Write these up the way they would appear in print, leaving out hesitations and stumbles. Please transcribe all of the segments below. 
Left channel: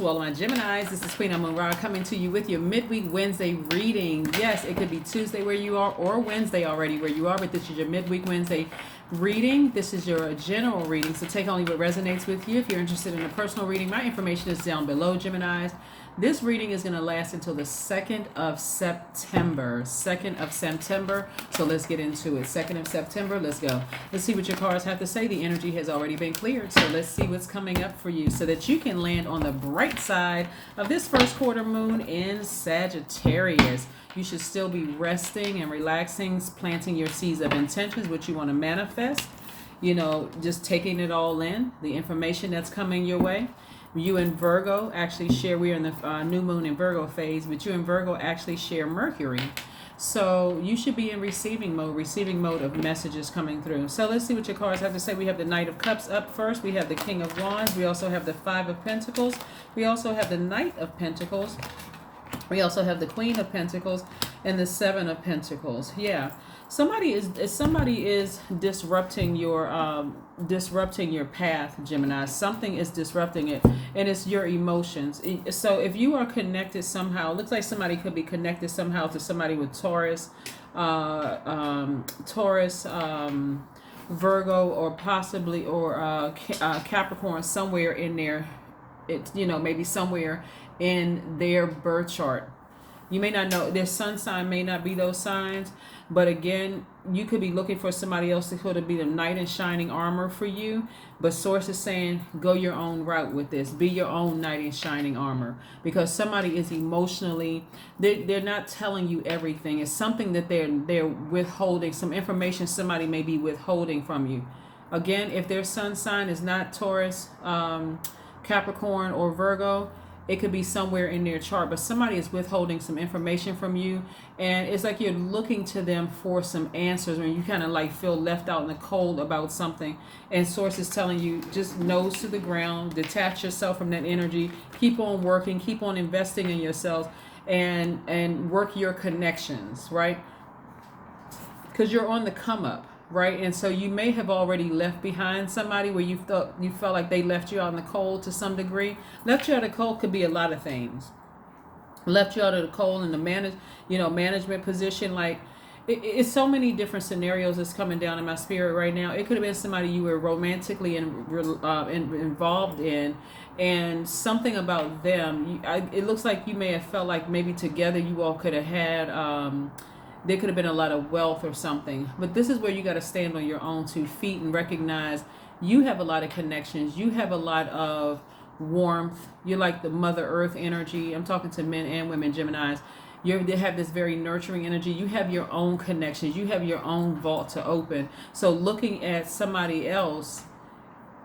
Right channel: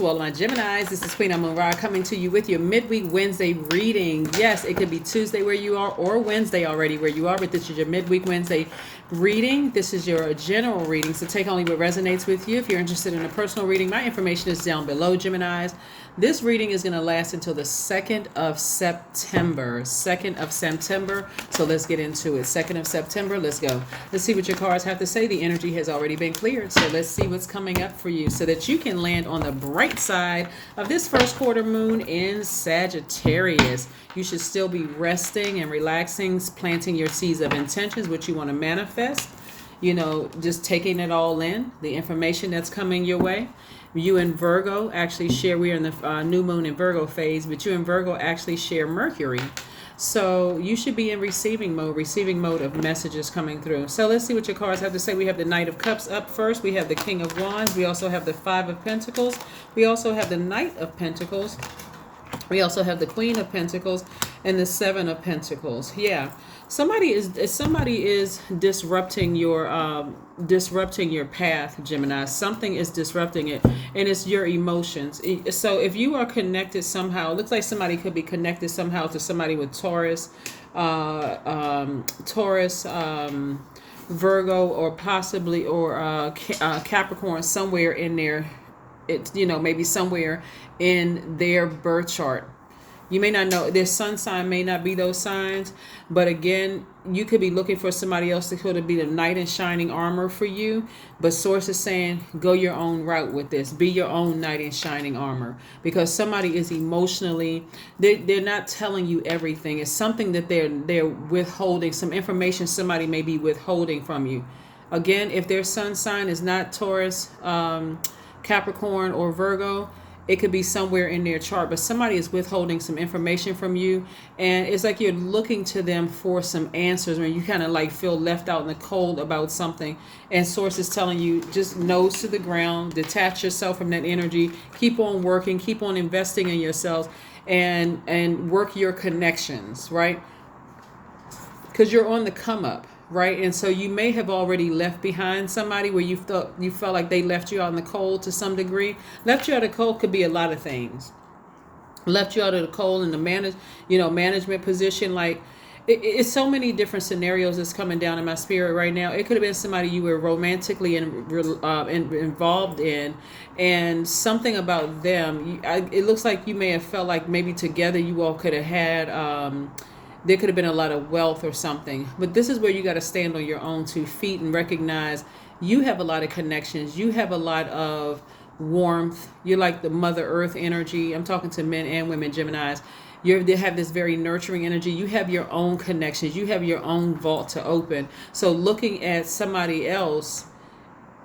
to all of my Geminis. This is Queen Amun-Ra coming to you with your midweek Wednesday reading. Yes, it could be Tuesday where you are or Wednesday already where you are, but this is your midweek Wednesday reading. This is your general reading, so take only what resonates with you. If you're interested in a personal reading, my information is down below, Geminis. This reading is going to last until the 2nd of September. 2nd of September. So let's get into it. 2nd of September. Let's go. Let's see what your cards have to say. The energy has already been cleared. So let's see what's coming up for you so that you can land on the bright side of this first quarter moon in Sagittarius. You should still be resting and relaxing, planting your seeds of intentions, what you want to manifest. You know, just taking it all in, the information that's coming your way. You and Virgo actually share, we're in the new moon in Virgo phase, but you and Virgo actually share Mercury. So you should be in receiving mode of messages coming through. So let's see what your cards have to say. We have the Knight of Cups up first. We have the King of Wands. We also have the Five of Pentacles. We also have the Knight of Pentacles. We also have the Queen of Pentacles and the Seven of Pentacles. Yeah. Somebody is disrupting your path, Gemini. Something is disrupting it, and it's your emotions. So if you are connected somehow, it looks like somebody could be connected somehow to somebody with Taurus, Virgo, or possibly Capricorn somewhere in there. It's, you know, maybe somewhere in their birth chart. You may not know, their sun sign may not be those signs, but again, you could be looking for somebody else that could be the knight in shining armor for you. But source is saying, go your own route with this. Be your own knight in shining armor. Because somebody is emotionally, they're not telling you everything. It's something that they're withholding, some information somebody may be withholding from you. Again, if their sun sign is not Taurus, Capricorn, or Virgo, it could be somewhere in their chart, but somebody is withholding some information from you, and it's like you're looking to them for some answers when you kind of like feel left out in the cold about something, and source is telling you just nose to the ground, detach yourself from that energy, keep on working, keep on investing in yourselves, and work your connections, right? Because you're on the come up. Right, and so you may have already left behind somebody where you felt like they left you out in the cold to some degree. Left you out of the cold could be a lot of things. Left you out of the cold in the management position. Like it's so many different scenarios that's coming down in my spirit right now. It could have been somebody you were romantically involved in, and something about them. It looks like you may have felt like maybe together you all could have had. There could have been a lot of wealth or something. But this is where you got to stand on your own 2 feet and recognize you have a lot of connections. You have a lot of warmth. You're like the Mother Earth energy. I'm talking to men and women, Geminis. They have this very nurturing energy. You have your own connections. You have your own vault to open. So looking at somebody else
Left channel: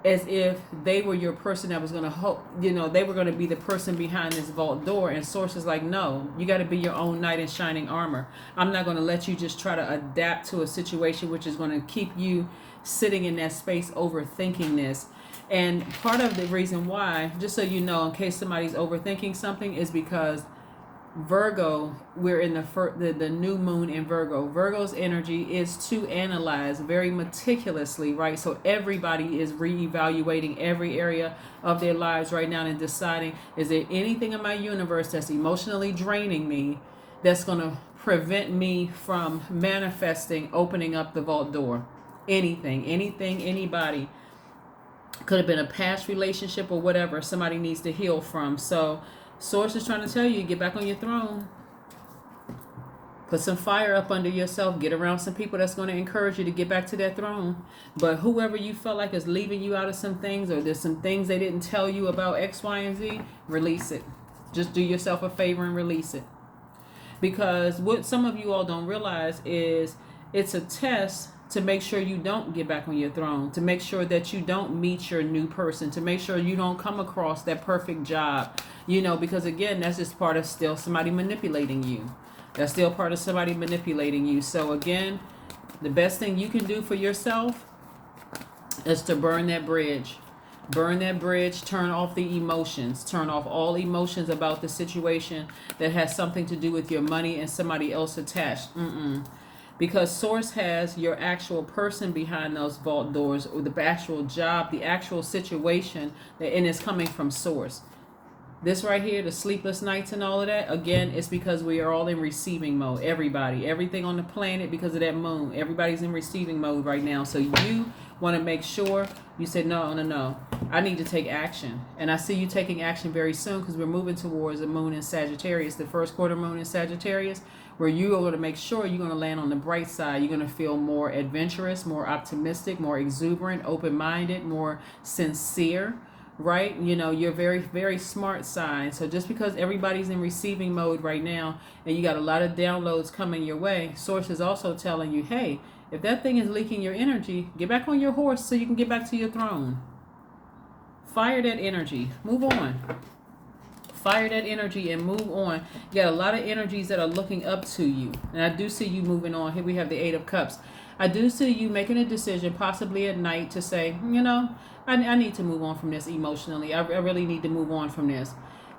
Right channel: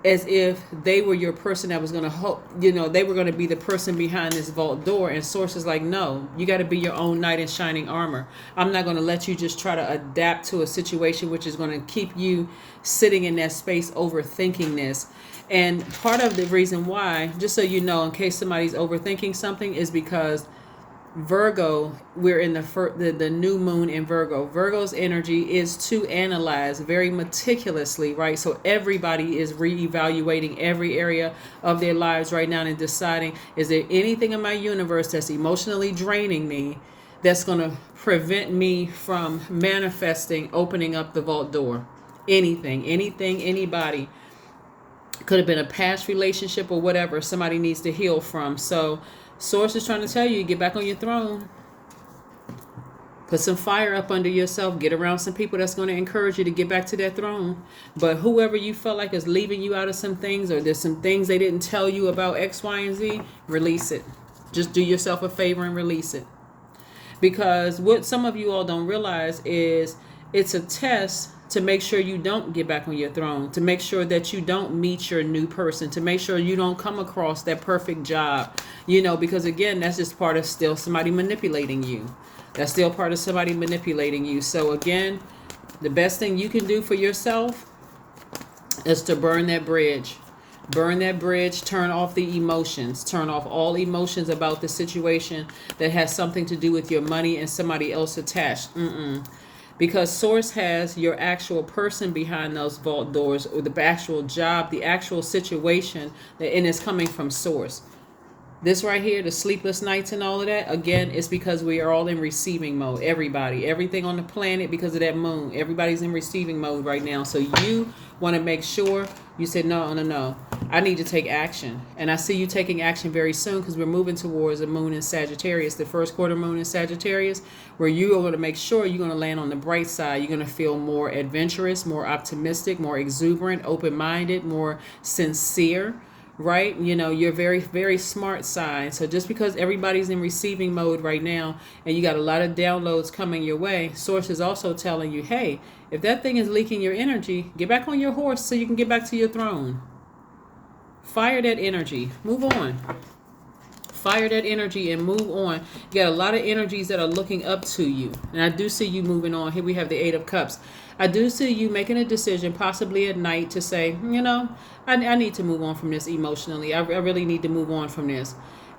as if they were your person that was going to they were going to be the person behind this vault door, and source is like, no, you got to be your own knight in shining armor. I'm not going to let you just try to adapt to a situation which is going to keep you sitting in that space overthinking this. And part of the reason why, just so you know, in case somebody's overthinking something, is because Virgo, we're in the new moon in Virgo. Virgo's energy is to analyze very meticulously, right? So everybody is reevaluating every area of their lives right now and deciding, is there anything in my universe that's emotionally draining me that's going to prevent me from manifesting, opening up the vault door? Anything, anybody. Could have been a past relationship or whatever somebody needs to heal from. So source is trying to tell you, get back on your throne. Put some fire up under yourself. Get around some people that's going to encourage you to get back to that throne. But whoever you felt like is leaving you out of some things, or there's some things they didn't tell you about X, Y, and Z, release it. Just do yourself a favor and release it. Because what some of you all don't realize is it's a test to make sure you don't get back on your throne, to make sure that you don't meet your new person, to make sure you don't come across that perfect job, because again, that's just part of still somebody manipulating you. That's still part of somebody manipulating you. So again, the best thing you can do for yourself is to burn that bridge. Burn that bridge, turn off the emotions, turn off all emotions about the situation that has something to do with your money and somebody else attached. Because source has your actual person behind those vault doors, or the actual job, the actual situation, and it's coming from source. This right here, the sleepless nights and all of that, again, it's because we are all in receiving mode. Everybody, everything on the planet, because of that moon, everybody's in receiving mode right now. So you want to make sure you say, no, no, no, I need to take action. And I see you taking action very soon, because we're moving towards a moon in Sagittarius, the first quarter moon in Sagittarius, where you are going to make sure you're going to land on the bright side. You're going to feel more adventurous, more optimistic, more exuberant, open-minded, more sincere. Right? You know, you're very, very smart sign. So just because everybody's in receiving mode right now and you got a lot of downloads coming your way, source is also telling you, hey, if that thing is leaking your energy, get back on your horse so you can get back to your throne. Fire that energy. Move on. Fire that energy and move on. You got a lot of energies that are looking up to you. And I do see you moving on. Here we have the Eight of Cups. I do see you making a decision, possibly at night, to say, you know, I need to move on from this emotionally. I really need to move on from this.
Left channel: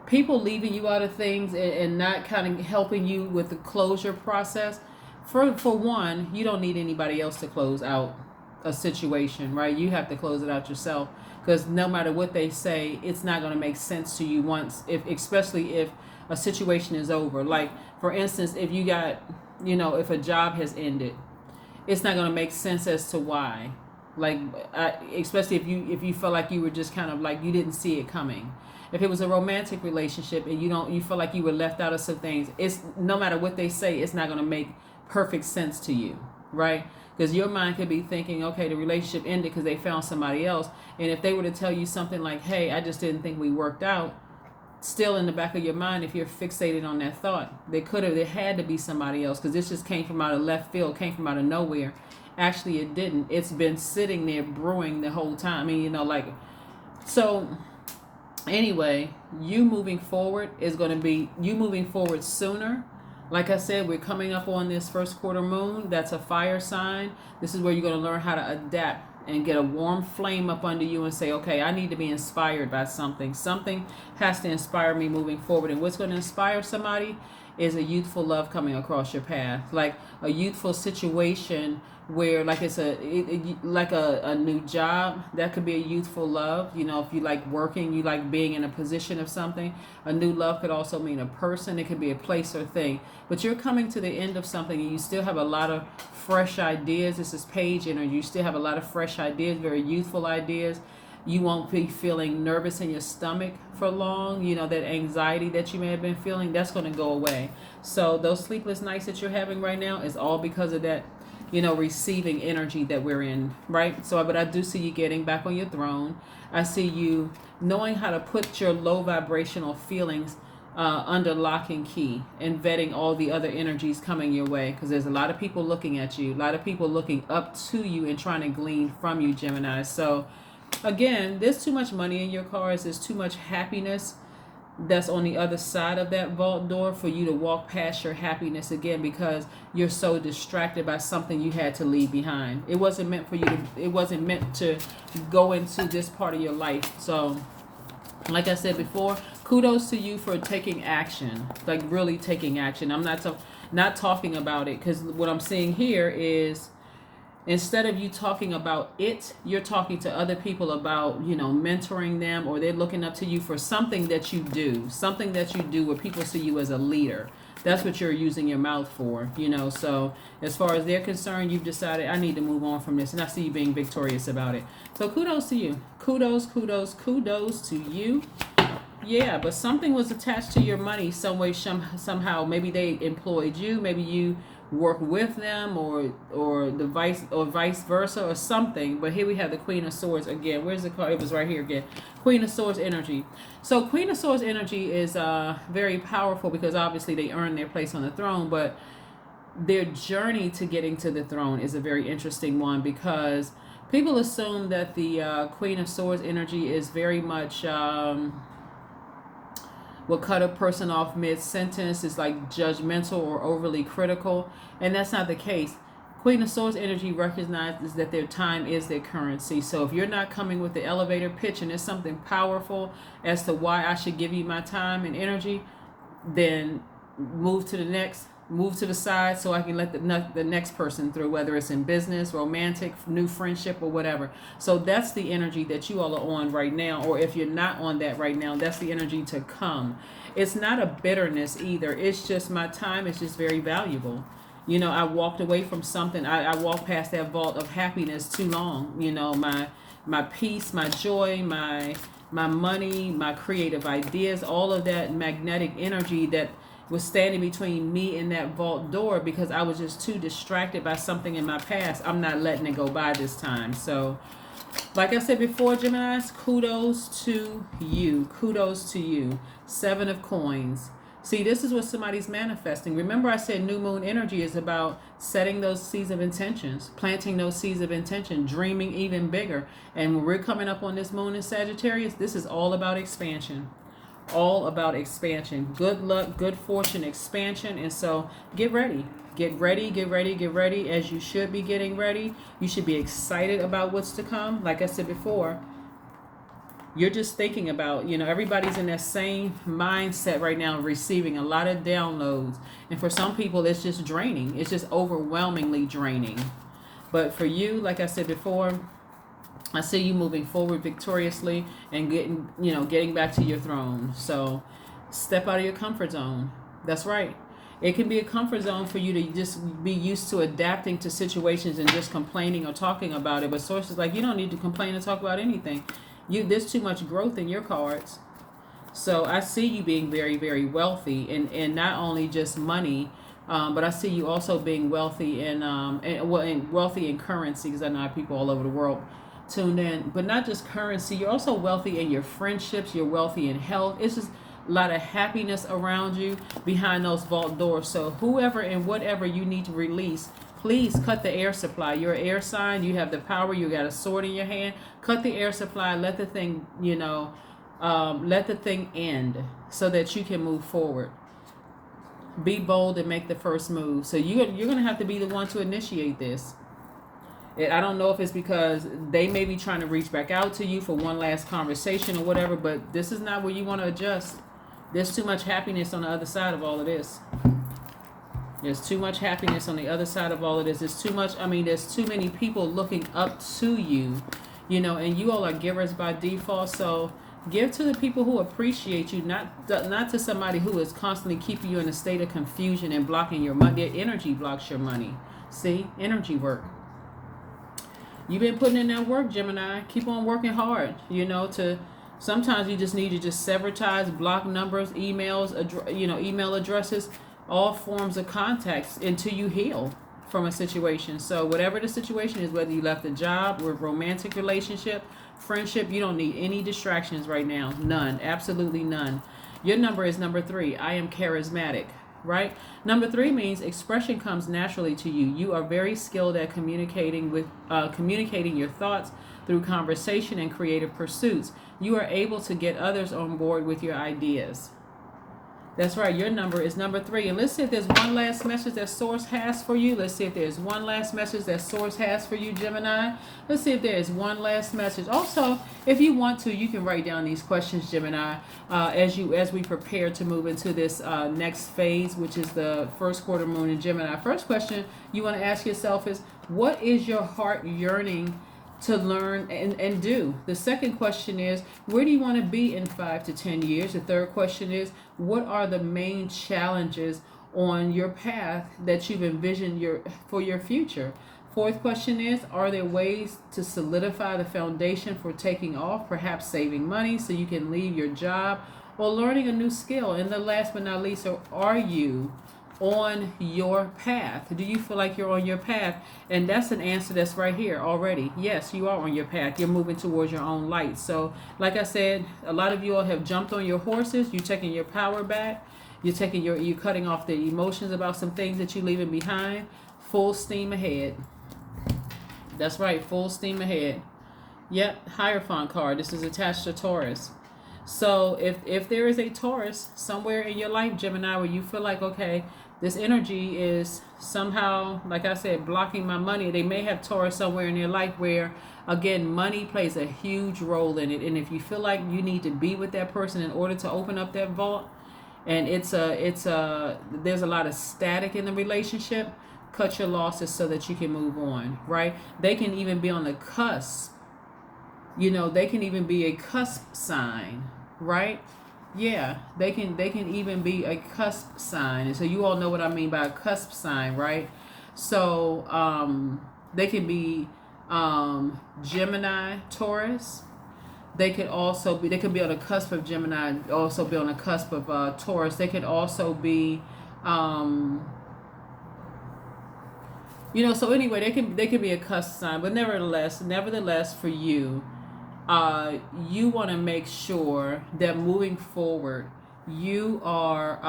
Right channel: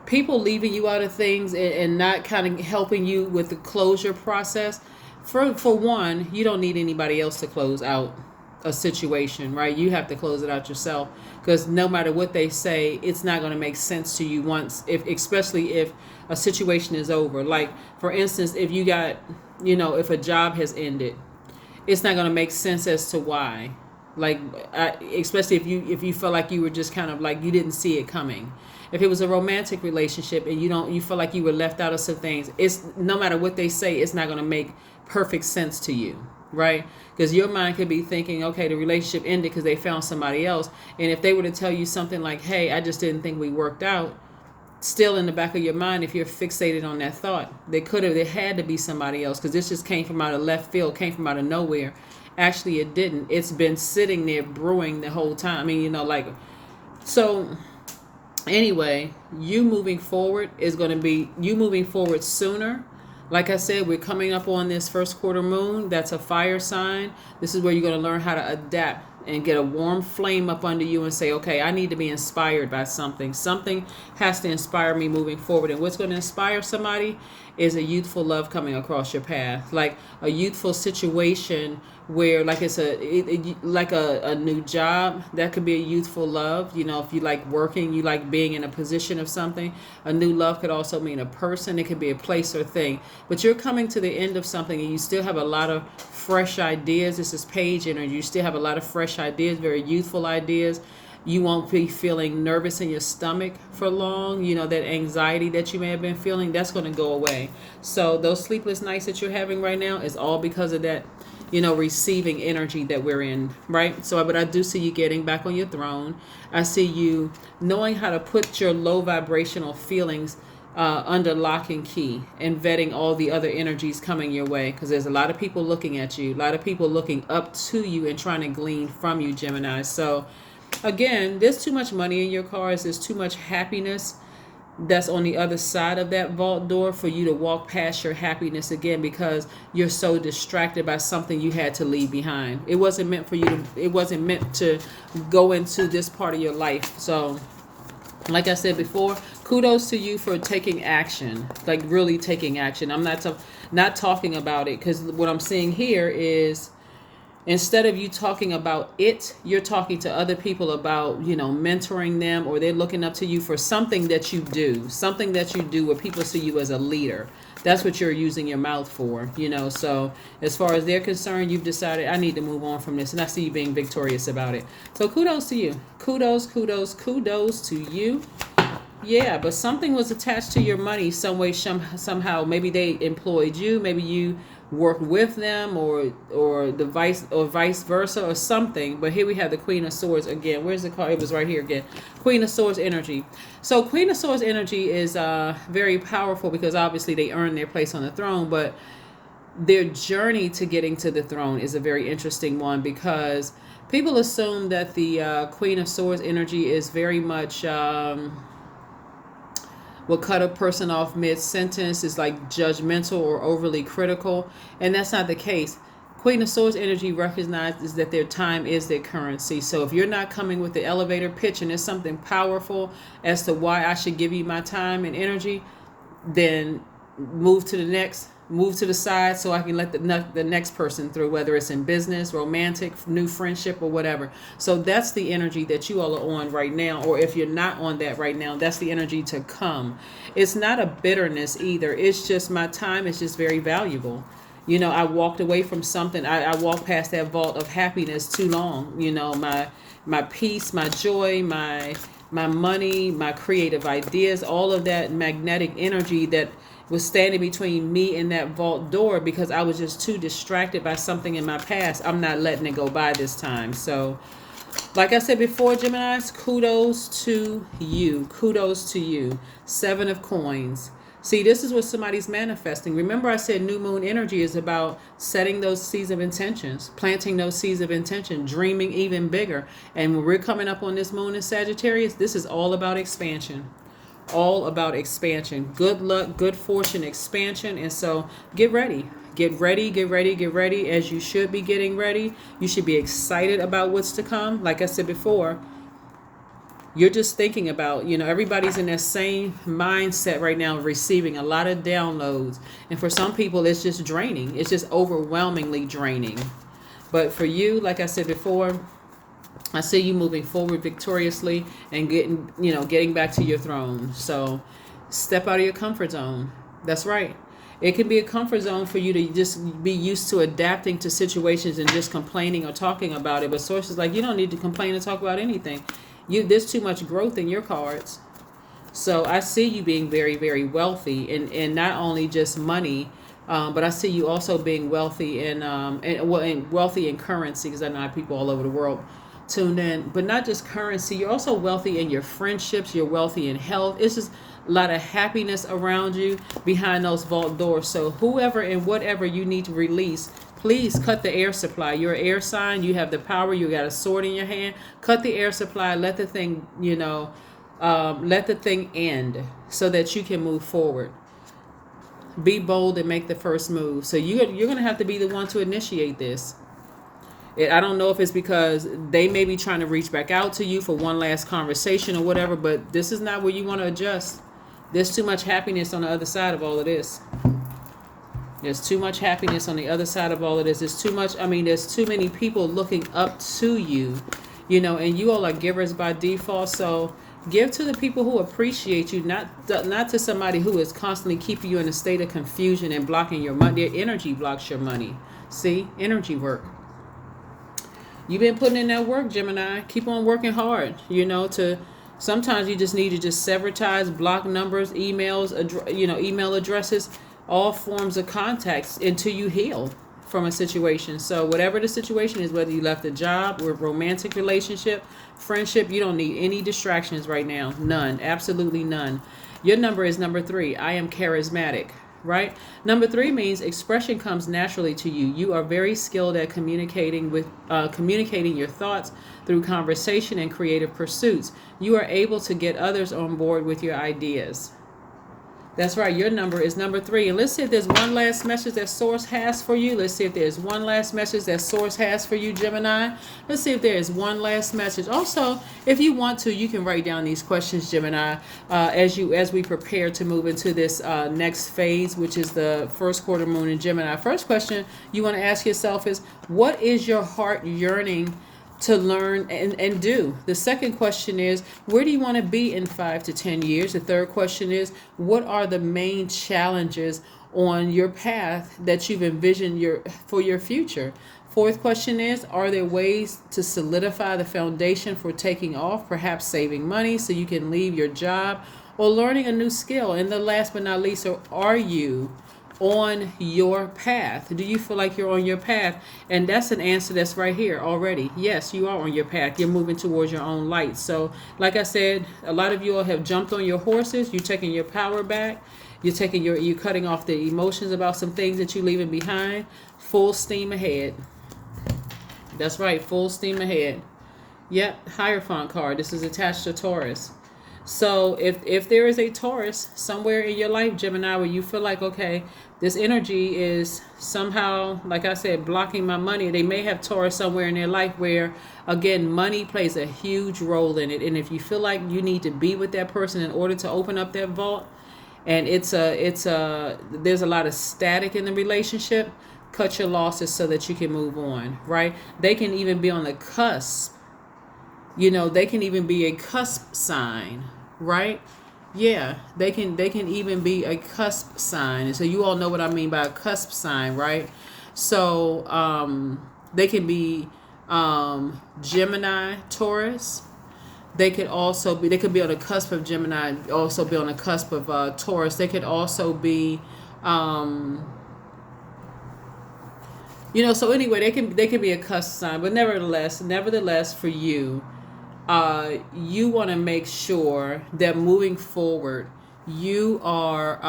People leaving you out of things and not kind of helping you with the closure process. For one, you don't need anybody else to close out a situation, right? You have to close it out yourself, because no matter what they say, it's not going to make sense to you once, especially if a situation is over. Like, for instance, if you got, you know, if a job has ended, it's not going to make sense as to why. Like, especially if you feel like you were just kind of like you didn't see it coming. If it was a romantic relationship and you feel like you were left out of some things, it's no matter what they say, it's not going to make perfect sense to you, right? Because your mind could be thinking, okay, the relationship ended because they found somebody else. And if they were to tell you something like, hey, I just didn't think we worked out, still in the back of your mind, if you're fixated on that thought, there had to be somebody else, because this just came from out of left field, came from out of nowhere. Actually, it didn't. It's been sitting there brewing the whole time. I mean, you know, like, so anyway, you moving forward is going to be you moving forward sooner. Like I said, we're coming up on this first quarter moon. That's a fire sign. This is where you're going to learn how to adapt and get a warm flame up under you and say, okay, I need to be inspired by something. Something has to inspire me moving forward. And what's going to inspire somebody is a youthful love coming across your path, like a youthful situation where, like, it's like a new job. That could be a youthful love. You know, if you like working, you like being in a position of something. A new love could also mean a person. It could be a place or thing. But you're coming to the end of something and you still have a lot of fresh ideas. This is page energy. You still have a lot of fresh ideas, very youthful ideas. You won't be feeling nervous in your stomach for long. You know, that anxiety that you may have been feeling, that's going to go away. So those sleepless nights that you're having right now is all because of that, you know, receiving energy that we're in, right? So, but I do see you getting back on your throne. I see you knowing how to put your low vibrational feelings under lock and key, and vetting all the other energies coming your way, because there's a lot of people looking at you, a lot of people looking up to you and trying to glean from you, Gemini. So again, there's too much money in your cards. There's too much happiness that's on the other side of that vault door for you to walk past your happiness again, because you're so distracted by something you had to leave behind. It wasn't meant for you to, it wasn't meant to go into this part of your life. So like I said before, kudos to you for taking action, like really taking action. I'm not talking about it, because what I'm seeing here is, instead of you talking about it, you're talking to other people about, you know, mentoring them, or they're looking up to you for something that you do where people see you as a leader. That's what you're using your mouth for, you know. So as far as they're concerned, you've decided, I need to move on from this, and I see you being victorious about it. So kudos to you. Kudos to you. Yeah, but something was attached to your money some way, somehow. Maybe they employed you, maybe you work with them, or vice versa, or something. But here we have the Queen of Swords again. Where's the card? It was right here again. Queen of Swords energy. So Queen of Swords energy is very powerful, because obviously they earned their place on the throne, but their journey to getting to the throne is a very interesting one, because people assume that the Queen of Swords energy is very much will cut a person off mid-sentence, is like judgmental or overly critical, and that's not the case. Queen of Swords energy recognizes that their time is their currency. So if you're not coming with the elevator pitch and there's something powerful as to why I should give you my time and energy, then move to the next move to the side so I can let the next person through, whether it's in business, romantic, new friendship, or whatever. So that's the energy that you all are on right now. Or if you're not on that right now, that's the energy to come. It's not a bitterness either. It's just my time is just very valuable. I walked away from something. I walked past that vault of happiness too long. My peace, my joy, my money, my creative ideas, all of that magnetic energy that was standing between me and that vault door because I was just too distracted by something in my past. I'm not letting it go by this time. So, like I said before, Geminis, kudos to you. Kudos to you. 7 of coins. See, this is what somebody's manifesting. Remember, I said new moon energy is about setting those seeds of intentions, planting those seeds of intention, dreaming even bigger. And when we're coming up on this moon in Sagittarius, this is all about expansion. All about expansion. Good luck, good fortune, expansion. And so get ready. Get ready, get ready, get ready, as you should be getting ready. You should be excited about what's to come. Like I said before, you're just thinking about, everybody's in that same mindset right now, receiving a lot of downloads. And for some people, it's just draining. It's just overwhelmingly draining. But for you, like I said before, I see you moving forward victoriously and getting back to your throne. So step out of your comfort zone. That's right. It can be a comfort zone for you to just be used to adapting to situations and just complaining or talking about it. But sources like, you don't need to complain and talk about anything. There's too much growth in your cards. So I see you being very, very wealthy, and not only just money, but I see you also being wealthy and wealthy in currency, because I know I have people all over the world tuned in. But not just currency, you're also wealthy in your friendships. You're wealthy in health. It's just a lot of happiness around you behind those vault doors. So whoever and whatever you need to release, please cut the air supply. You're an air sign. You have the power. You got a sword in your hand. Cut the air supply. Let the thing, let the thing end so that you can move forward. Be bold and make the first move. So you're going to have to be the one to initiate this. I don't know if it's because they may be trying to reach back out to you for one last conversation or whatever, but this is not where you want to adjust. There's too much happiness on the other side of all of this. There's too much happiness on the other side of all of this. There's too many people looking up to you, and you all are givers by default. So give to the people who appreciate you, not to somebody who is constantly keeping you in a state of confusion and blocking your money. Their energy blocks your money. See, energy work. You've been putting in that work, Gemini. Keep on working hard, sometimes you just need to just sever ties, block numbers, emails, email addresses, all forms of contacts until you heal from a situation. So whatever the situation is, whether you left a job or a romantic relationship, friendship, you don't need any distractions right now. None. Absolutely none. Your number is number 3. I am charismatic, right? Number 3 means expression comes naturally to you. You are very skilled at communicating your thoughts through conversation and creative pursuits. You are able to get others on board with your ideas. That's right. Your number is number 3. And let's see if there's one last message that Source has for you. Let's see if there's one last message that Source has for you, Gemini. Let's see if there is one last message. Also, if you want to, you can write down these questions, Gemini, as we prepare to move into this next phase, which is the first quarter moon in Gemini. First question you want to ask yourself is, what is your heart yearning to learn and do? The second question is, where do you want to be in 5 to 10 years? The third question is, what are the main challenges on your path that you've envisioned for your future? Fourth question is, are there ways to solidify the foundation for taking off, perhaps saving money so you can leave your job or learning a new skill? And the last but not least, are you on your path? Do you feel like you're on your path? And that's an answer that's right here already. Yes, you are on your path. You're moving towards your own light. So like I said, a lot of you all have jumped on your horses. You're taking your power back. You're cutting off the emotions about some things that you're leaving behind. Full steam ahead. That's right, full steam ahead. Yep, Hierophant card. This is attached to Taurus. So if there is a Taurus somewhere in your life, Gemini, where you feel like, okay, this energy is somehow, like I said, blocking my money. They may have Taurus somewhere in their life where, again, money plays a huge role in it. And if you feel like you need to be with that person in order to open up that vault, and there's a lot of static in the relationship. Cut your losses so that you can move on, right? They can even be on the cusp. They can even be a cusp sign, right? Yeah, they can even be a cusp sign. And so you all know what I mean by a cusp sign, right? So they can be Gemini, Taurus. They could be on the cusp of Gemini, also be on the cusp of Taurus. They could also be so anyway, they can be a cusp sign, but nevertheless for you, you want to make sure that moving forward, you are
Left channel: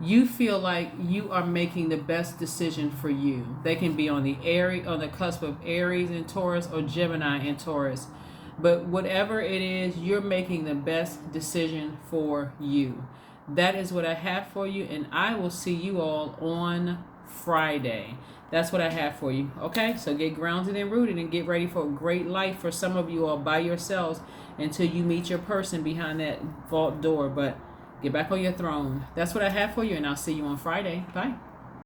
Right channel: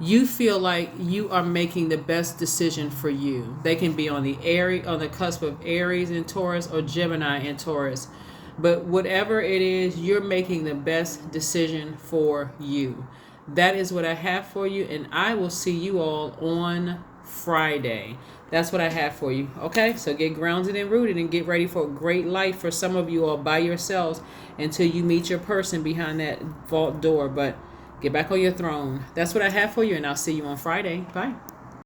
you feel like you are making the best decision for you. They can be on the cusp of Aries and Taurus, or Gemini and Taurus. But whatever it is, you're making the best decision for you. That is what I have for you, and I will see you all on Friday. That's what I have for you. Okay, so get grounded and rooted and get ready for a great life for some of you all by yourselves until you meet your person behind that vault door. But get back on your throne. That's what I have for you, and I'll see you on Friday. Bye.